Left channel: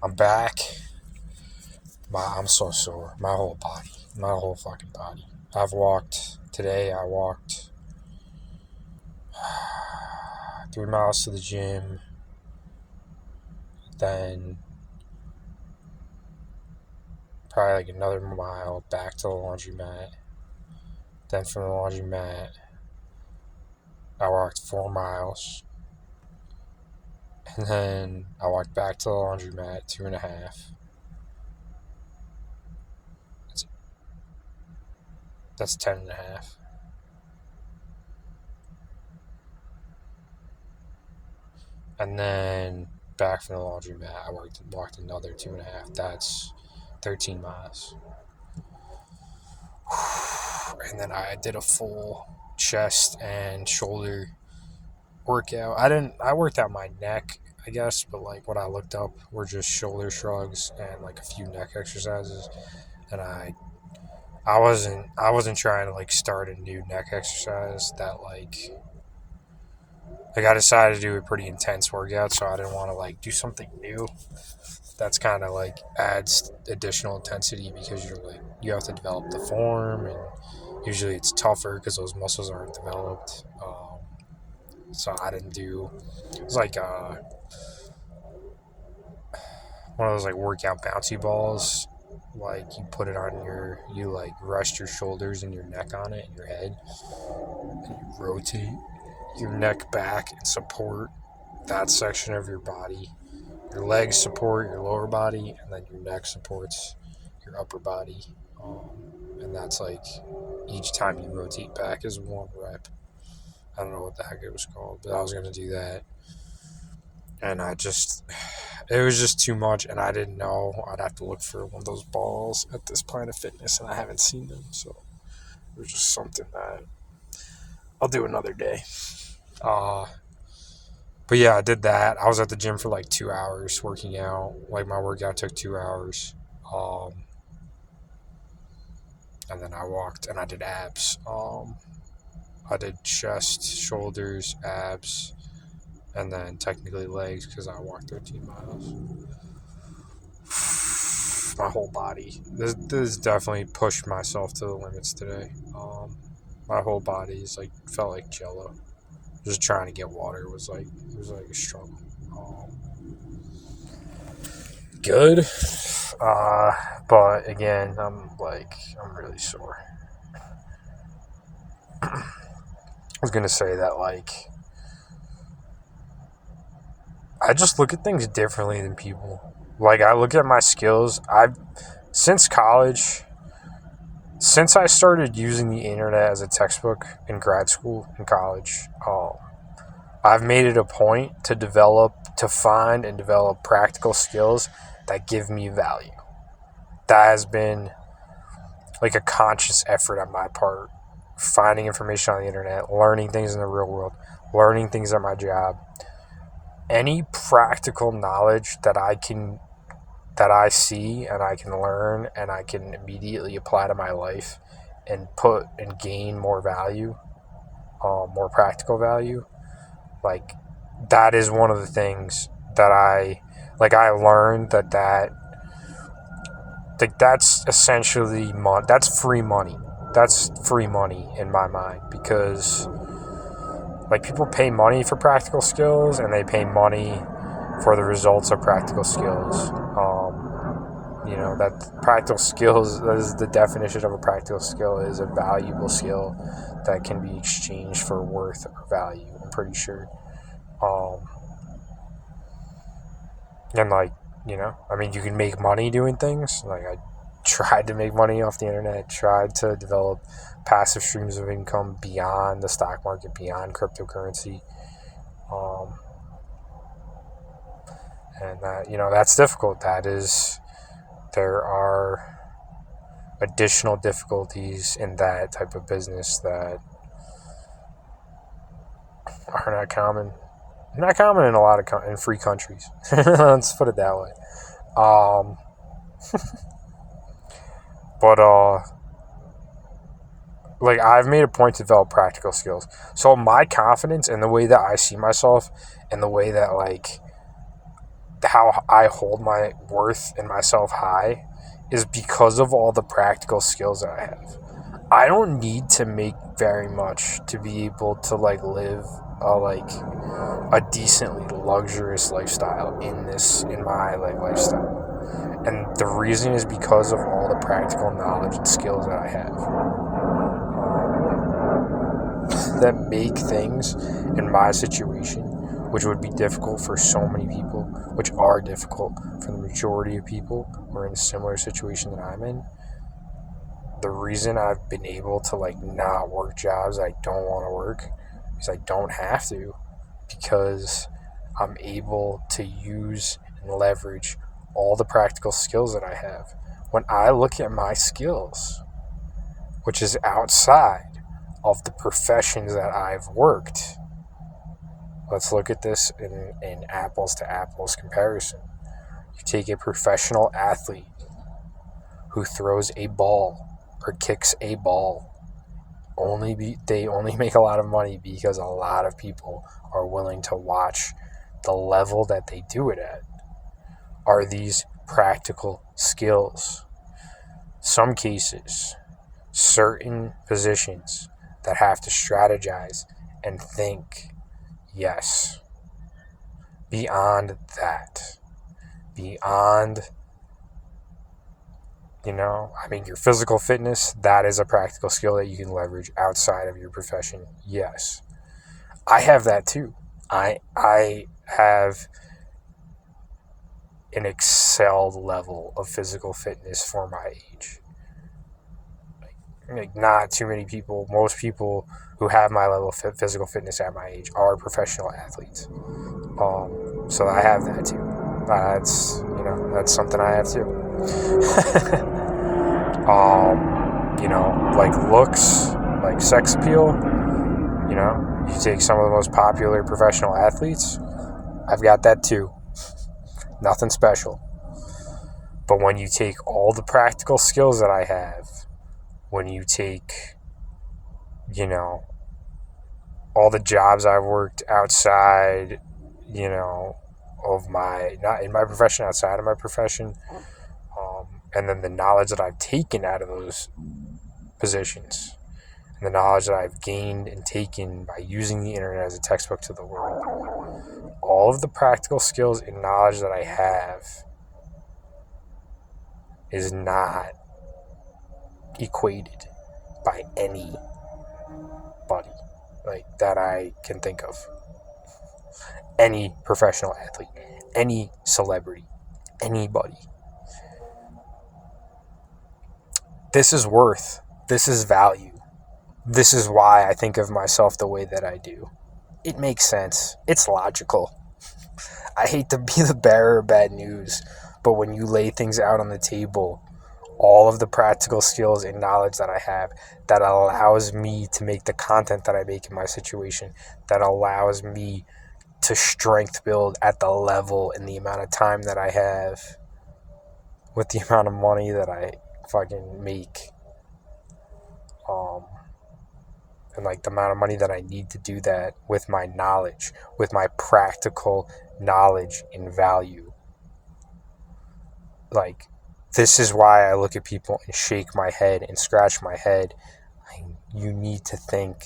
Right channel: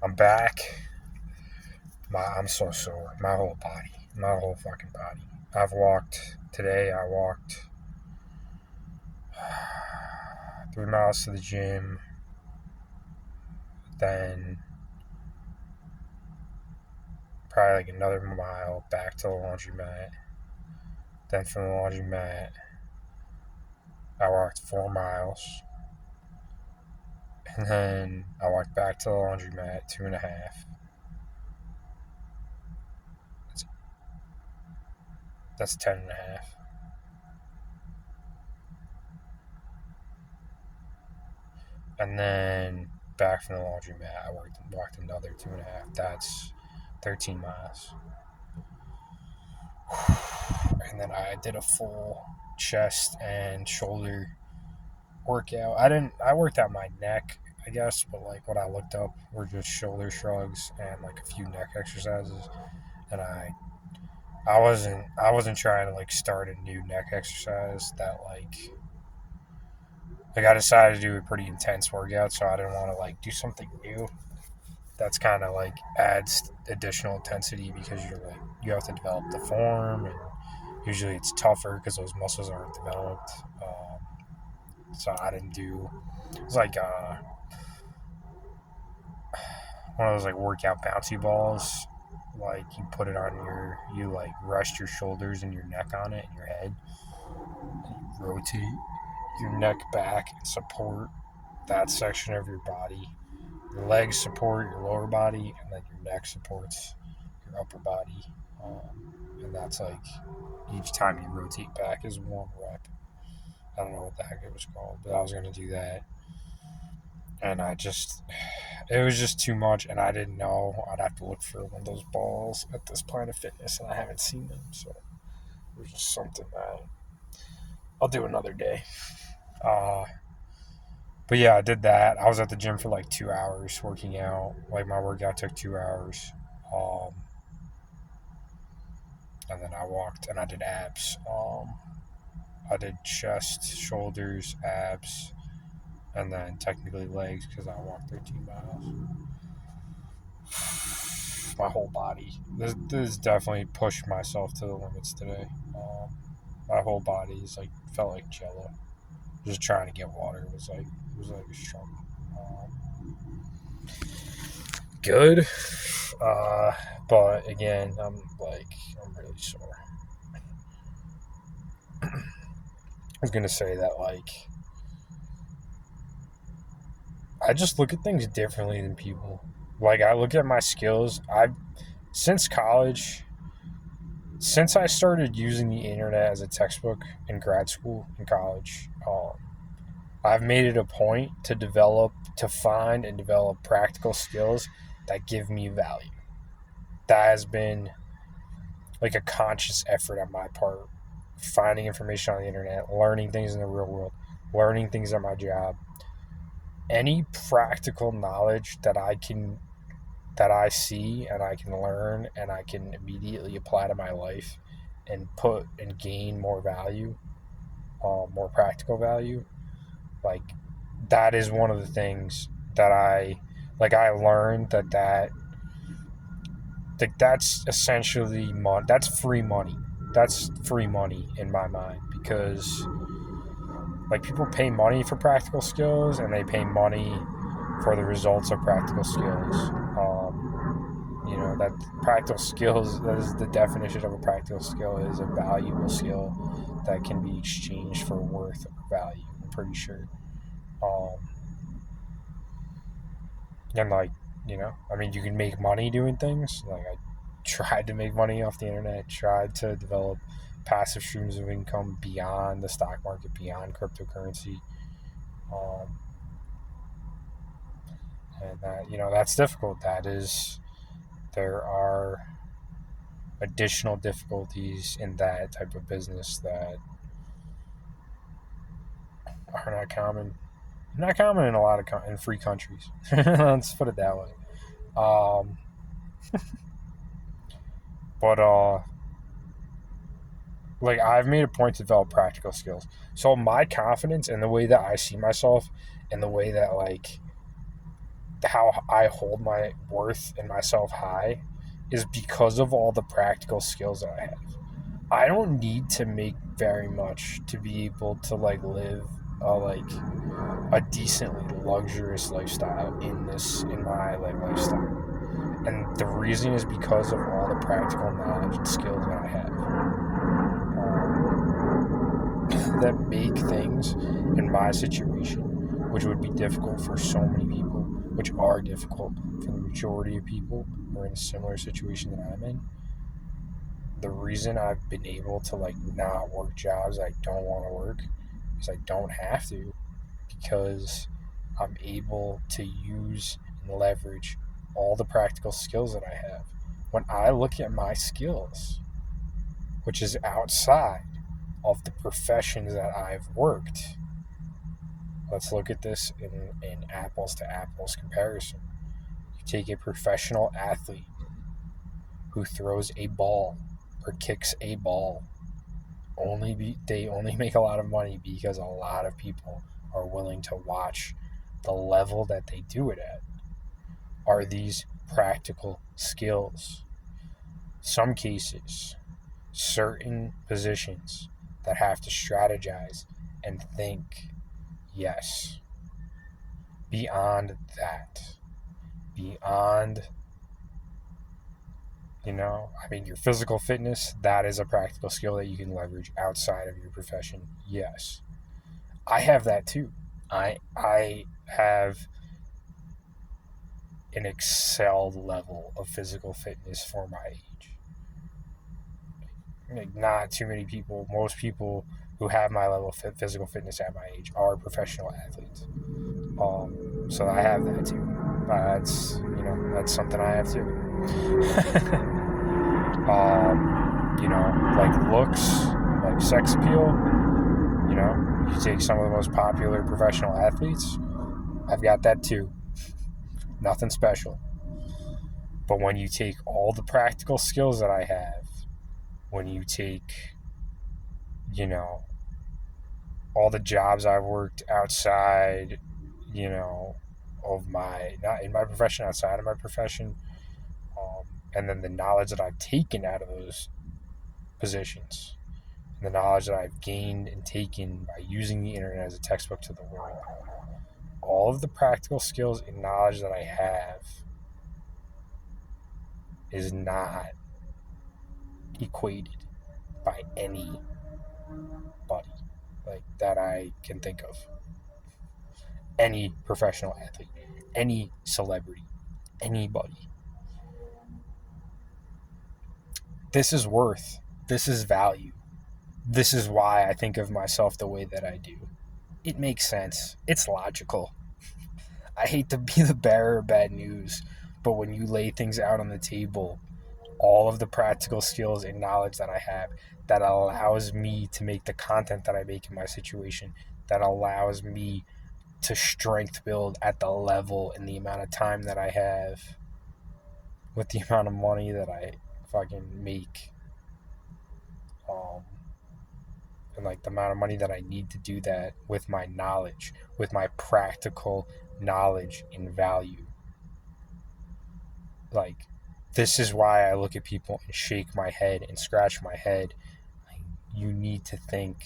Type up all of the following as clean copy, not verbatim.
I'm back. I'm so sore. My whole body. My whole fucking body. Today I walked 3 miles to the gym. Then probably like another mile back to the laundromat. Then from the laundromat, I walked 4 miles. And then I walked back to the laundromat 2.5. That's 10.5. And then back from the laundromat, I walked another 2.5. That's 13 miles. And then I did a full chest and shoulder workout. I worked out my neck, I guess, but like what I looked up were just shoulder shrugs and like a few neck exercises. And I wasn't trying to like start a new neck exercise that like I decided to do a pretty intense workout, so I didn't want to like do something new that's kind of like adds additional intensity because you have to develop the form, and usually it's tougher because those muscles aren't developed. So I didn't do. It was like one of those like workout bouncy balls. Like you like rest your shoulders and your neck on it and your head, and you rotate your neck back and support that section of your body. Your legs support your lower body, and then your neck supports your upper body. And that's like each time you rotate back is 1 rep. I don't know what the heck it was called, but I was gonna do that, and it was just too much, and I didn't know I'd have to look for one of those balls at this Planet Fitness, and I haven't seen them, so it was just something that I'll do another day. But yeah, I did that. I was at the gym for like 2 hours working out. Like my workout took 2 hours. And then I walked and I did abs. I did chest, shoulders, abs, and then technically legs because I walked 13 miles. My whole body. This definitely pushed myself to the limits today. My whole body felt like jello. Just trying to get water was like a struggle. Good. But again, I'm really sore. I was gonna say that I just look at things differently than people. Like I look at my skills. Since college, since I started using the internet as a textbook in grad school and college, I've made it a point to find and develop practical skills that give me value. That has been like a conscious effort on my part. Finding information on the internet, learning things in the real world, learning things at my job. Any practical knowledge that I see and I can learn and I can immediately apply to my life and put and gain more value, more practical value, like that is one of the things that I learned that's essentially that's free money. That's free money in my mind because like people pay money for practical skills and they pay money for the results of practical skills. That practical skills, that is the definition of a practical skill, is a valuable skill that can be exchanged for worth or value, I'm pretty sure. And you can make money doing things. Like I tried to make money off the internet, tried to develop passive streams of income beyond the stock market, beyond cryptocurrency. And that's difficult. There are additional difficulties in that type of business that are not common. Not common in a lot of in free countries. Let's put it that way. But I've made a point to develop practical skills. So my confidence and the way that I see myself and the way that how I hold my worth and myself high is because of all the practical skills that I have. I don't need to make very much to be able to like live a decently luxurious lifestyle in my like lifestyle. And the reason is because of all the practical knowledge and skills that I have that make things in my situation, which would be difficult for so many people, which are difficult for the majority of people who are in a similar situation that I'm in. The reason I've been able to like not work jobs I don't want to work is I don't have to, because I'm able to use and leverage all the practical skills that I have. When I look at my skills, which is outside of the professions that I've worked, let's look at this in apples to apples comparison. You take a professional athlete who throws a ball or kicks a ball. They only make a lot of money because a lot of people are willing to watch the level that they do it at. Are these practical skills? Some cases, certain positions that have to strategize and think, yes. Beyond that, beyond, your physical fitness, that is a practical skill that you can leverage outside of your profession. Yes. I have that too. I have an excelled level of physical fitness for my age. Like not too many people, most people who have my level of physical fitness at my age are professional athletes. So I have that too. That's something I have too. Like looks, like sex appeal, you take some of the most popular professional athletes, I've got that too. Nothing special. But when you take all the practical skills that I have, when you take, all the jobs I've worked outside, of not in my profession, outside of my profession, and then the knowledge that I've taken out of those positions, and the knowledge that I've gained and taken by using the internet as a textbook to the world, all of the practical skills and knowledge that I have is not equated by anybody like that I can think of. Any professional athlete, any celebrity, anybody. This is worth, this is value. This is why I think of myself the way that I do. It makes sense. It's logical. I hate to be the bearer of bad news, but when you lay things out on the table, all of the practical skills and knowledge that I have that allows me to make the content that I make in my situation, that allows me to strength build at the level and the amount of time that I have with the amount of money that I fucking make, and like the amount of money that I need to do that with my knowledge, with my practical knowledge and value. Like, this is why I look at people and shake my head and scratch my head. You need to think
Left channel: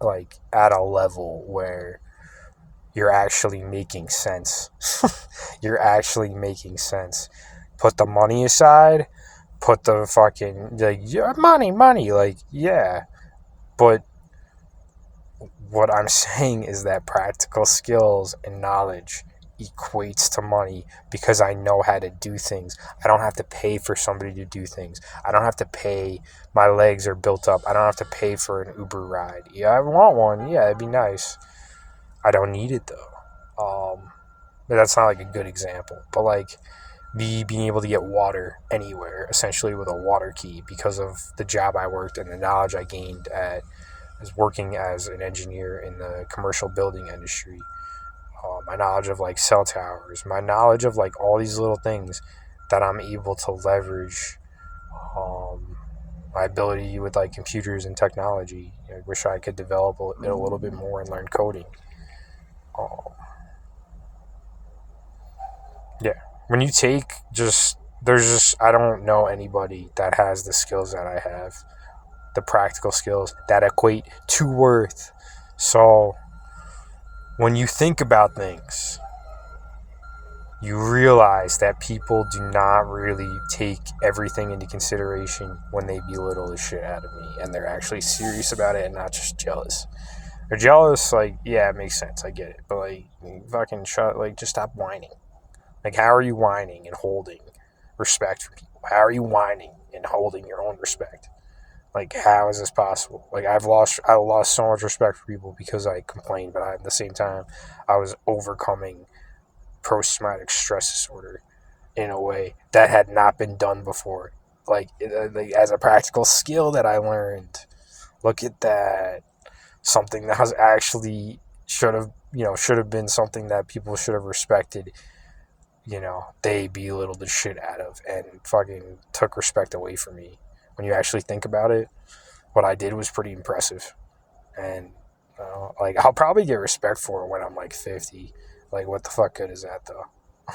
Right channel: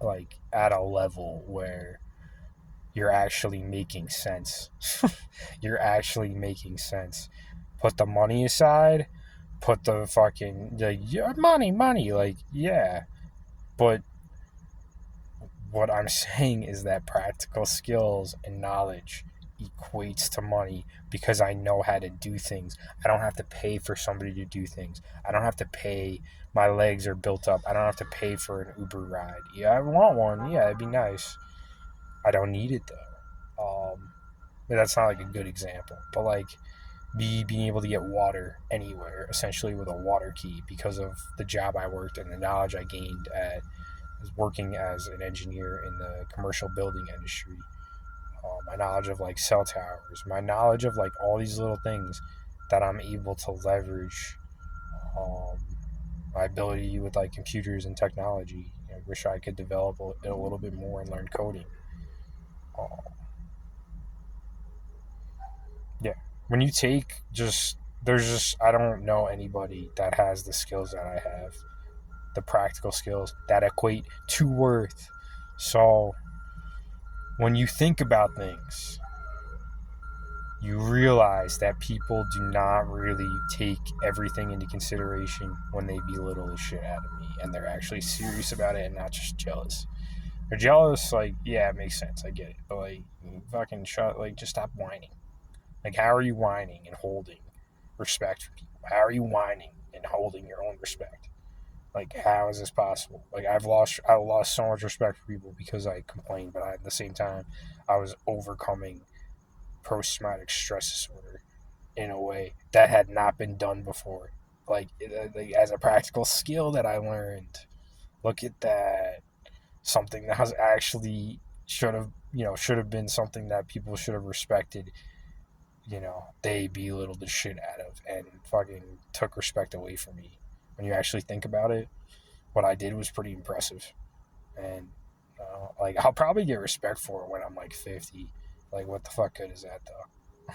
like at a level where you're actually making sense. You're actually making sense. Put the money aside, put the fucking money, like, yeah. But what I'm saying is that practical skills and knowledge equates to money because I know how to do things. I don't have to pay for somebody to do things. I don't have to pay. My legs are built up. I don't have to pay for an Uber ride. Yeah, I want one. Yeah, it'd be nice. I don't need it though. But that's not like a good example. But like being able to get water anywhere, essentially with a water key, because of the job I worked and the knowledge I gained as working as an engineer in the commercial building industry. My knowledge of like cell towers, my knowledge of like all these little things that I'm able to leverage, my ability with like computers and technology. I wish I could develop it a little bit more and learn coding. Yeah. When you take there's just, I don't know anybody that has the skills that I have, the practical skills that equate to worth. So when you think about things, you realize that people do not really take everything into consideration when they belittle the shit out of me, and they're actually serious about it and not just jealous. They're jealous, like, yeah, it makes sense, I get it, but like, fucking shut, like, just stop whining. Like, how are you whining and holding respect for people? How are you whining and holding your own respect? Like, how is this possible? Like, I lost so much respect for people because I complained, but at the same time, I was overcoming post-traumatic stress disorder in a way that had not been done before. Like as a practical skill that I learned. Look at that. Something that was actually should have been something that people should have respected. They belittled the shit out of and fucking took respect away from me. When you actually think about it, what I did was pretty impressive. And like, I'll probably get respect for it when I'm like 50. Like, what the fuck good is that though?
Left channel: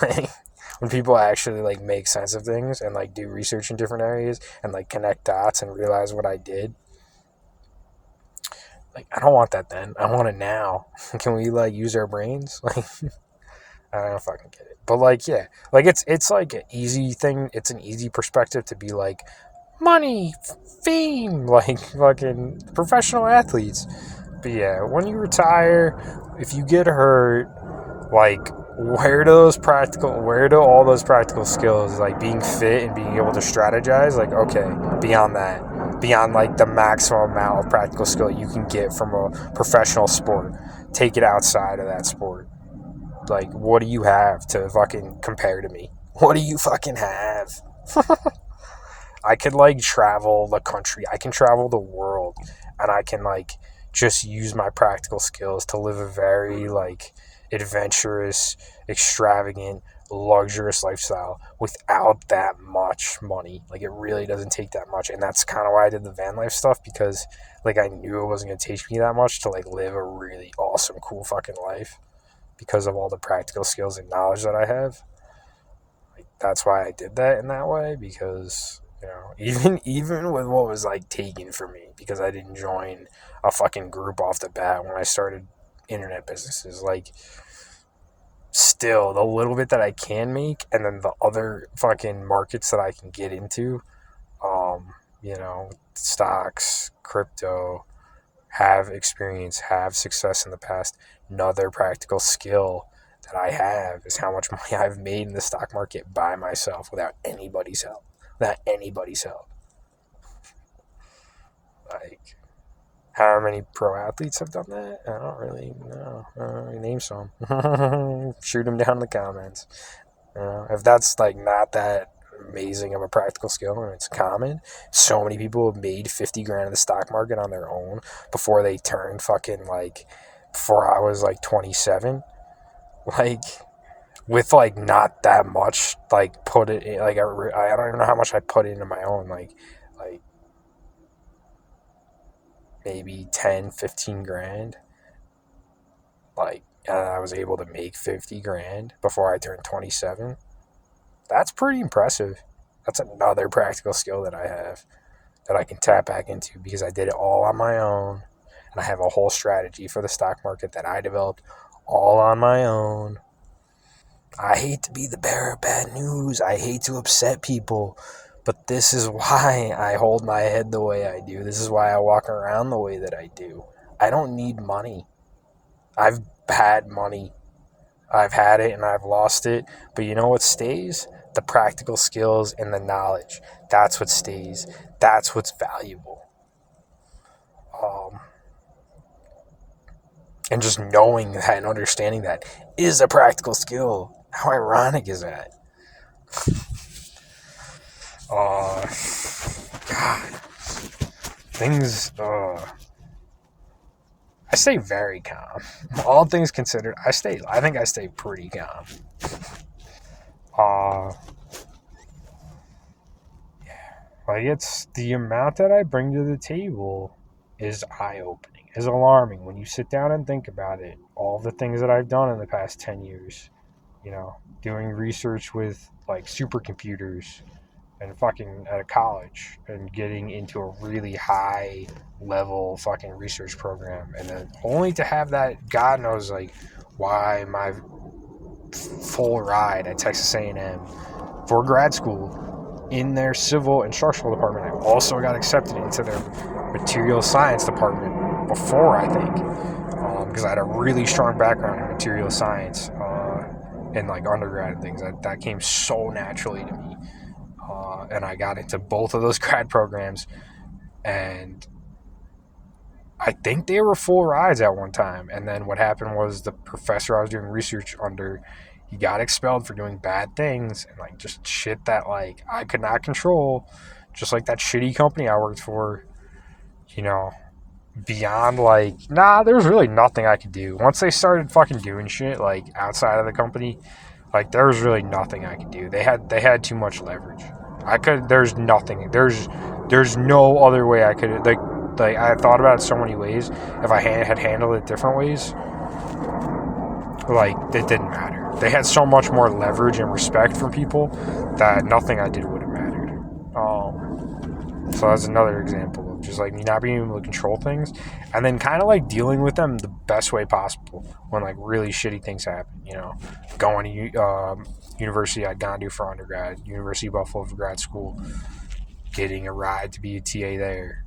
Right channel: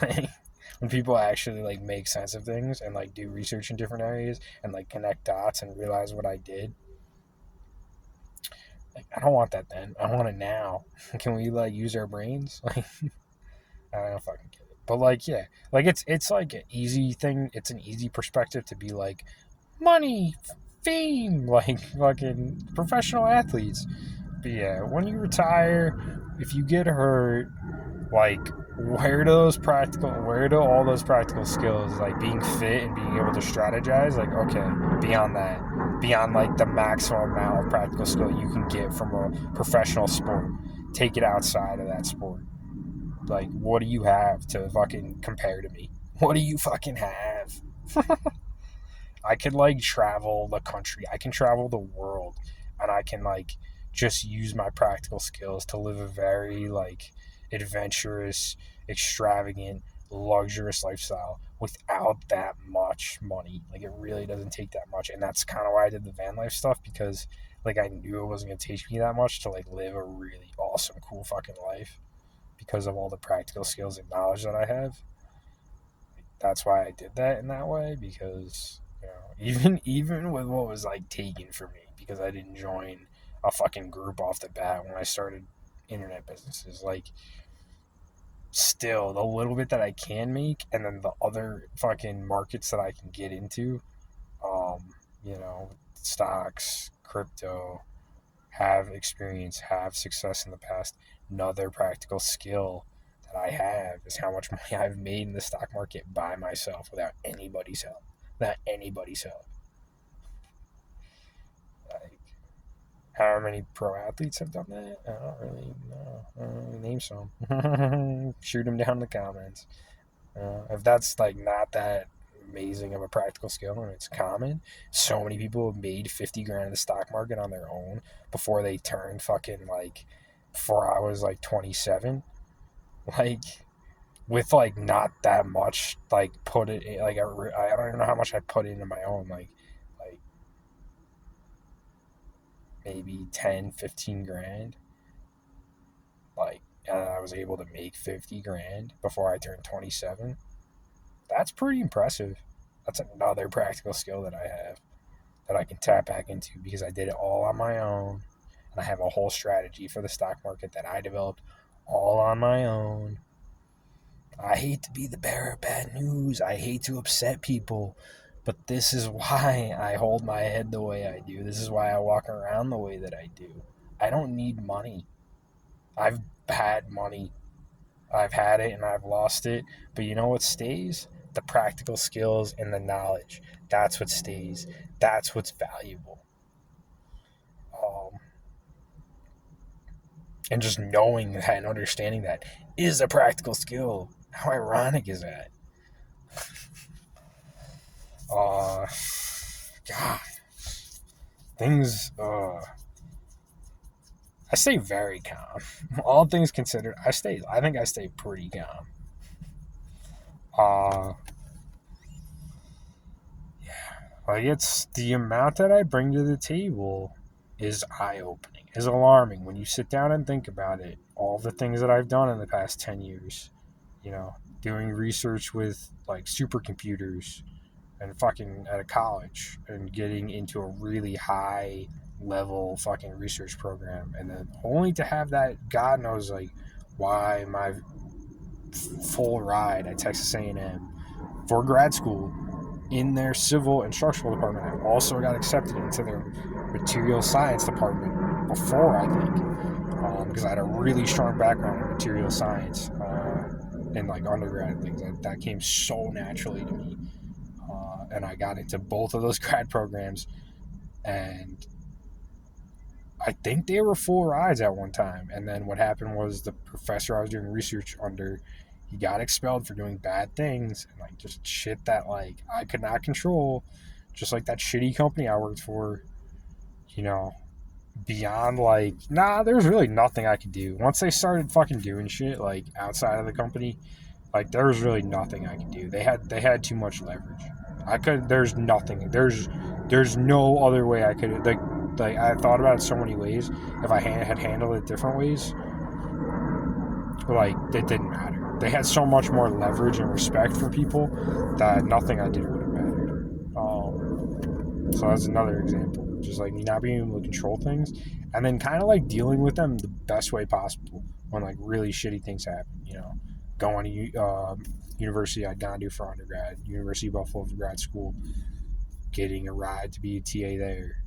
Like, when people actually like make sense of things and like do research in different areas and like connect dots and realize what I did. Like, I don't want that then. I want it now. Can we like use our brains? Like, I don't fucking get it. But like, yeah, like it's like an easy thing. It's an easy perspective to be like, money, fame, like fucking professional athletes. But yeah, when you retire, if you get hurt, like, where do all those practical skills, like being fit and being able to strategize, like, okay, beyond like the maximum amount of practical skill you can get from a professional sport, take it outside of that sport. Like, what do you have to fucking compare to me? What do you fucking have? I could like travel the country, I can travel the world, and I can like just use my practical skills to live a very like adventurous, extravagant, luxurious lifestyle without that much money. Like, it really doesn't take that much, and that's kind of why I did the van life stuff, because like I knew it wasn't gonna take me that much to like live a really awesome, cool fucking life because of all the practical skills and knowledge that I have. Like, that's why I did that in that way, because even with what was like taken from me because I didn't join a fucking group off the bat when I started internet businesses, like, still the little bit that I can make and then the other fucking markets that I can get into, stocks, crypto, have experience, have success in the past. Another practical skill that I have is how much money I've made in the stock market by myself without anybody's help. Without anybody's help. Like, how many pro athletes have done that? I don't really know. Name some. Shoot them down in the comments. If that's like not that amazing of a practical skill and it's common, so many people have made 50 grand in the stock market on their own before they turned fucking like, before I was like 27. Like, with like not that much like put it in, like I don't even know how much I put into my own, like maybe 10, 15 grand. Like, and I was able to make 50 grand before I turned 27. That's pretty impressive. That's another practical skill that I have that I can tap back into because I did it all on my own. And I have a whole strategy for the stock market that I developed all on my own. I hate to be the bearer of bad news. I hate to upset people. But this is why I hold my head the way I do. This is why I walk around the way that I do. I don't need money. I've had money. I've had it and I've lost it. But you know what stays? The practical skills and the knowledge. That's what stays. That's what's valuable. Um, and just knowing that and understanding that is a practical skill. How ironic is that? Uh, God. Things, I stay very calm. All things considered, I think I stay pretty calm. Uh, like, it's the amount that I bring to the table is eye-opening, is alarming when you sit down and think about it. All the things that I've done in the past 10 years, doing research with like supercomputers and fucking at a college and getting into a really high level fucking research program, and then only to have that, God knows like why, my full ride at Texas A&M for grad school in their civil instructional department. I also got accepted into their material science department before, I think, because I had a really strong background in material science in like undergrad and things. That came so naturally to me, and I got into both of those grad programs, and I think they were full rides at one time. And then what happened was the professor I was doing research under, he got expelled for doing bad things and like just shit that like I could not control, just like that shitty company I worked for, you know, beyond like, there was really nothing I could do. Once they started fucking doing shit like outside of the company, like there was really nothing I could do. They had too much leverage. There's nothing. There's no other way I could like I thought about it so many ways. If I had handled it different ways, like it didn't matter. They had so much more leverage and respect from people that nothing I did would have mattered. So that's another example of just like me not being able to control things, and then kind of like dealing with them the best way possible when like really shitty things happen. You know, going to university I'd gone to for undergrad, University of Buffalo for grad school, getting a ride to be a TA there,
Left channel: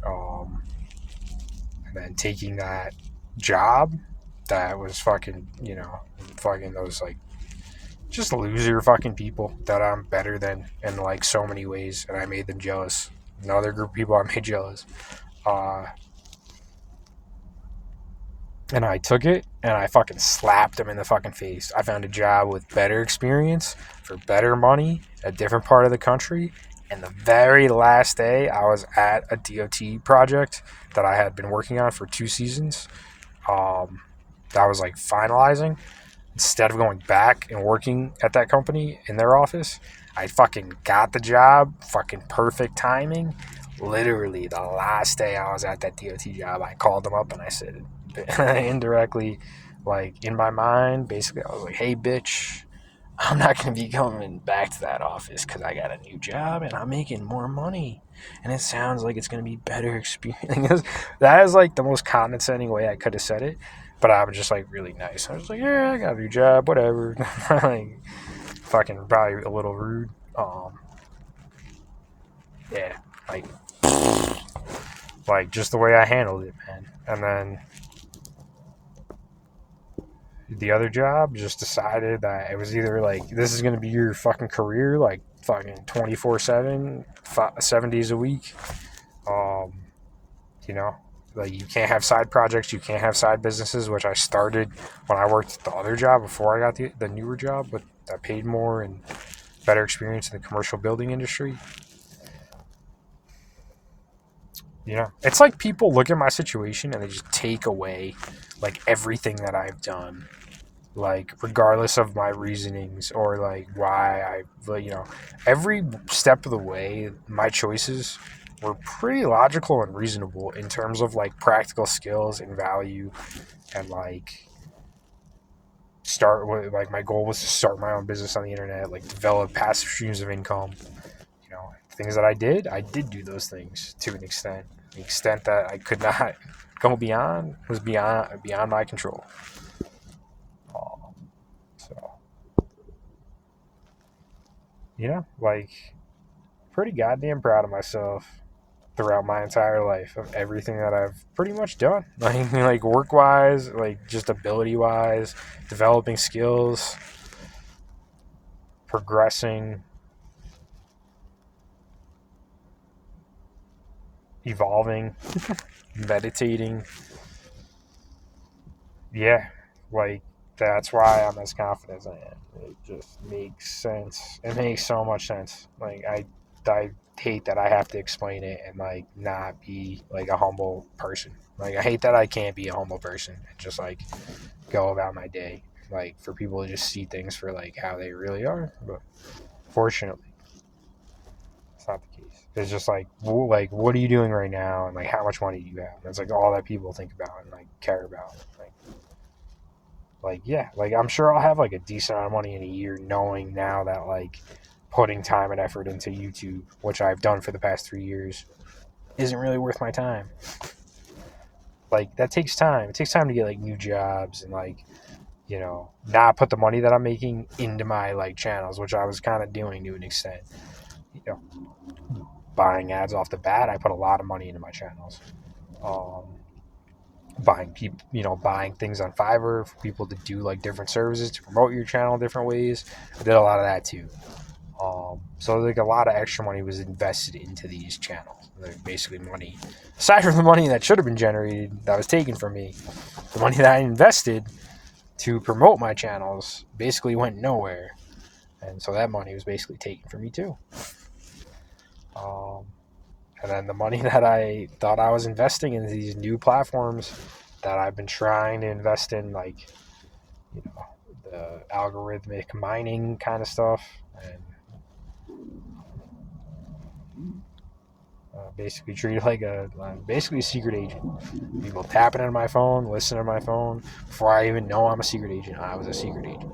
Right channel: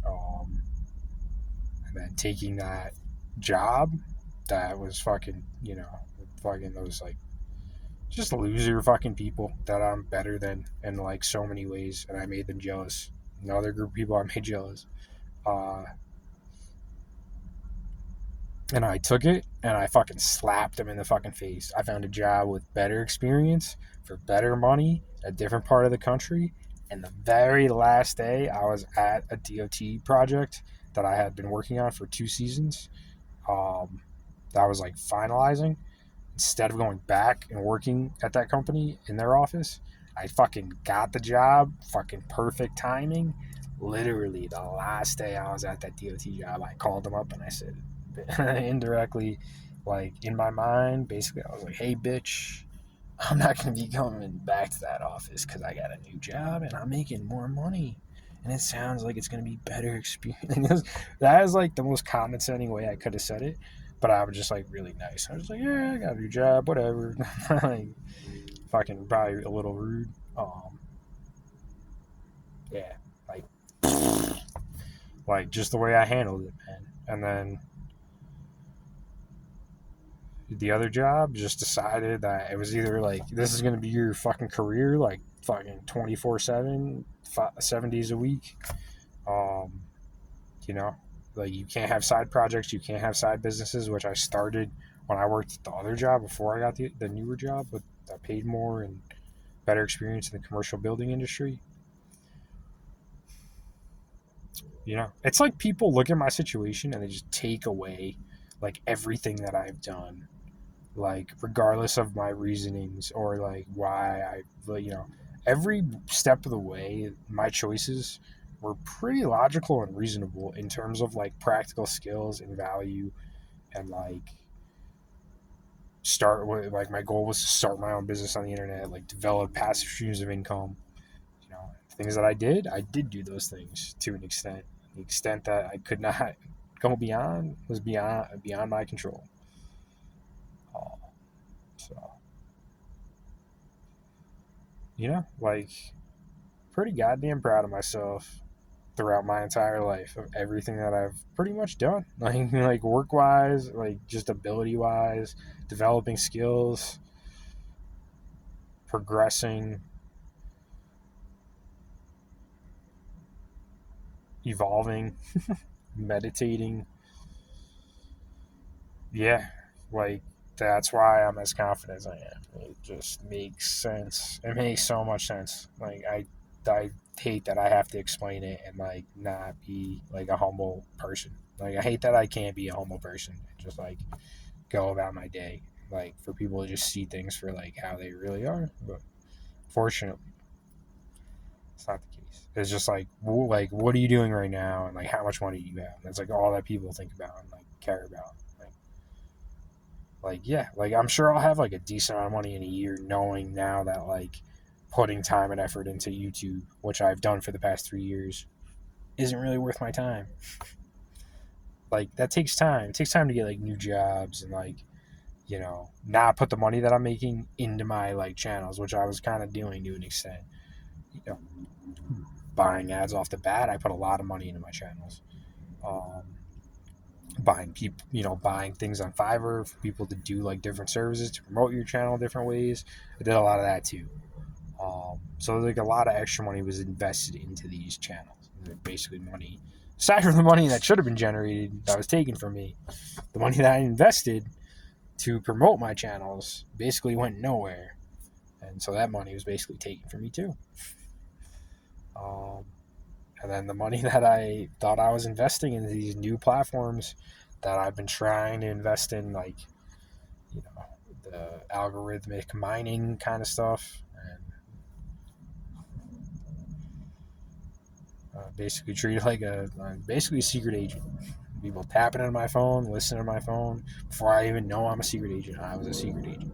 and then taking that job that was fucking, fucking those like just loser fucking people that I'm better than in like so many ways, and I made them jealous. Another group of people I made jealous. And I took it and I fucking slapped them in the fucking face. I found a job with better experience for better money, a different part of the country. And the very last day I was at a DOT project that I had been working on for 2 seasons, that I was like finalizing. Instead of going back and working at that company in their office, I fucking got the job, fucking perfect timing. Literally the last day I was at that DOT job, I called them up and I said, indirectly, like in my mind, basically I was like, hey bitch, I'm not going to be coming back to that office because I got a new job and I'm making more money. And it sounds like it's going to be better experience. That is like the most condescending way I could have said it. But I was just like really nice. I was like, yeah, I got a new job, whatever. Like, fucking probably a little rude. Yeah, like just the way I handled it, man. And then the other job just decided that it was either like, this is going to be your fucking career, like fucking 24/7, 7 days a week. You know, like you can't have side projects, you can't have side businesses, which I started when I worked at the other job before I got the newer job, but that paid more and better experience in the commercial building industry. You know, it's like people look at my situation and they just take away like everything that I've done, like regardless of my reasonings or like why every step of the way my choices were pretty logical and reasonable in terms of like practical skills and value, and like like my goal was to start my own business on the internet, like develop passive streams of income. Things that I did do those things to an extent. The extent that I could not go beyond was beyond my control. So, like, pretty goddamn proud of myself throughout my entire life of everything that I've pretty much done. Like work wise, like just ability wise, developing skills, progressing, evolving, meditating. Yeah, like that's why I'm as confident as I am. It just makes sense. It makes so much sense. Like I hate that I have to explain it and like not be like a humble person. Like I hate that I can't be a humble person and just like go about my day. Like for people to just see things for like how they really are. But fortunately, it's not the case. It's just like what are you doing right now and like how much money do you have? That's like all that people think about and like care about. Like Like, yeah, like I'm sure I'll have like a decent amount of money in a year, knowing now that like putting time and effort into YouTube, which I've done for the past 3 years, isn't really worth my time. Like that takes time. It takes time to get like new jobs and like, not put the money that I'm making into my like channels, which I was kind of doing to an extent. You know, buying ads off the bat, I put a lot of money into my channels. Um, buying things on Fiverr for people to do like different services to promote your channel different ways. I did a lot of that too. So like a lot of extra money was invested into these channels. Like basically money, aside from the money that should have been generated, that was taken from me, the money that I invested to promote my channels basically went nowhere, and so that money was basically taken from me too. And then the money that I thought I was investing in these new platforms that I've been trying to invest in, like the algorithmic mining kind of stuff, and basically treated like basically a secret agent. People tapping on my phone, listening to my phone. Before I even know I'm a secret agent, I was a secret agent.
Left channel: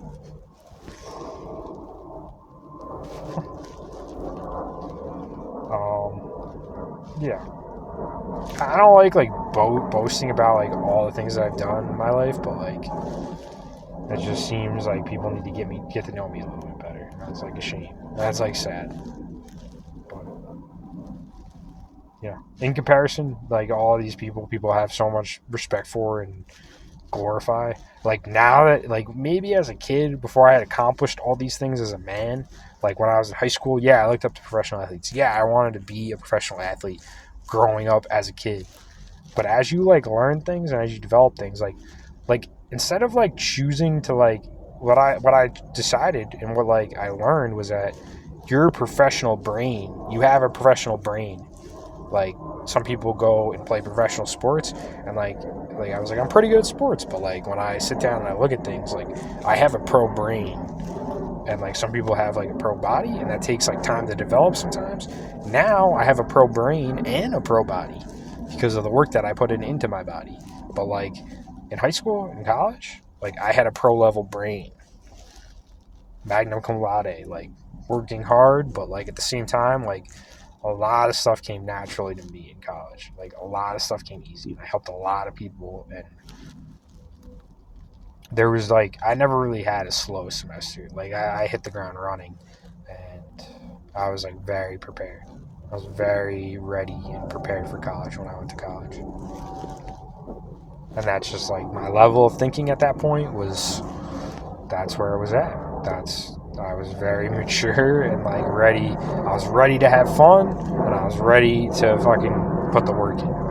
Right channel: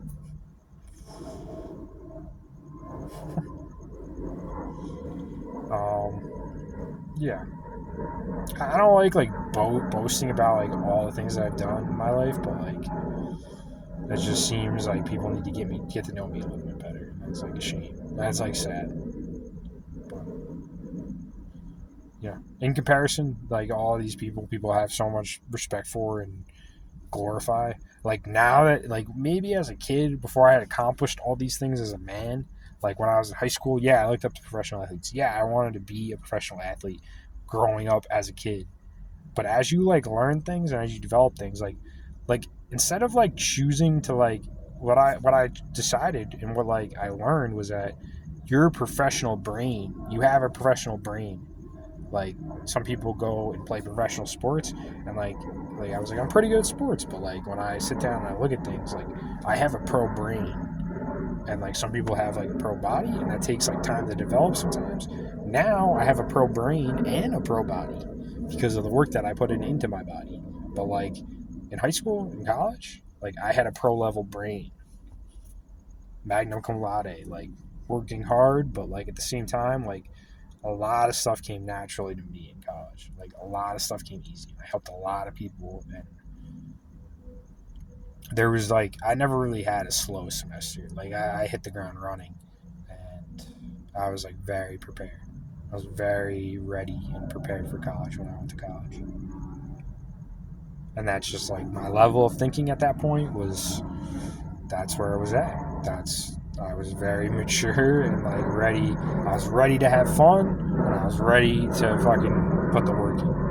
Yeah. I don't like boasting about like all the things that I've done in my life, but like it just seems like people need to get to know me a little bit better. That's like a shame. That's like sad. But yeah, in comparison, like all these people have so much respect for and glorify. Like now that like maybe as a kid before I had accomplished all these things as a man, like when I was in high school, yeah, I looked up to professional athletes. Yeah, I wanted to be a professional athlete growing up as a kid. But as you like learn things and as you develop things, like instead of like choosing to like what I decided and what like I learned was that your professional brain, you have a professional brain. Like some people go and play professional sports and like I was like I'm pretty good at sports, but like when I sit down and I look at things, like I have a pro brain, and like some people have like a pro body, and that takes like time to develop sometimes. Now I have a pro brain and a pro body because of the work that I put into my body. But like in high school and college, like I had a pro level brain, magna cum laude, like working hard, but like at the same time, like a lot of stuff came naturally to me in college. Like a lot of stuff came easy, and I helped a lot of people. And there was like I never really had a slow semester. Like I hit the ground running, and I was like very prepared. I was very ready and prepared for college when I went to college. And that's just like my level of thinking at that point was that's where it was at. I was very mature and like ready. I was ready to have fun, and I was ready to fucking put the work in.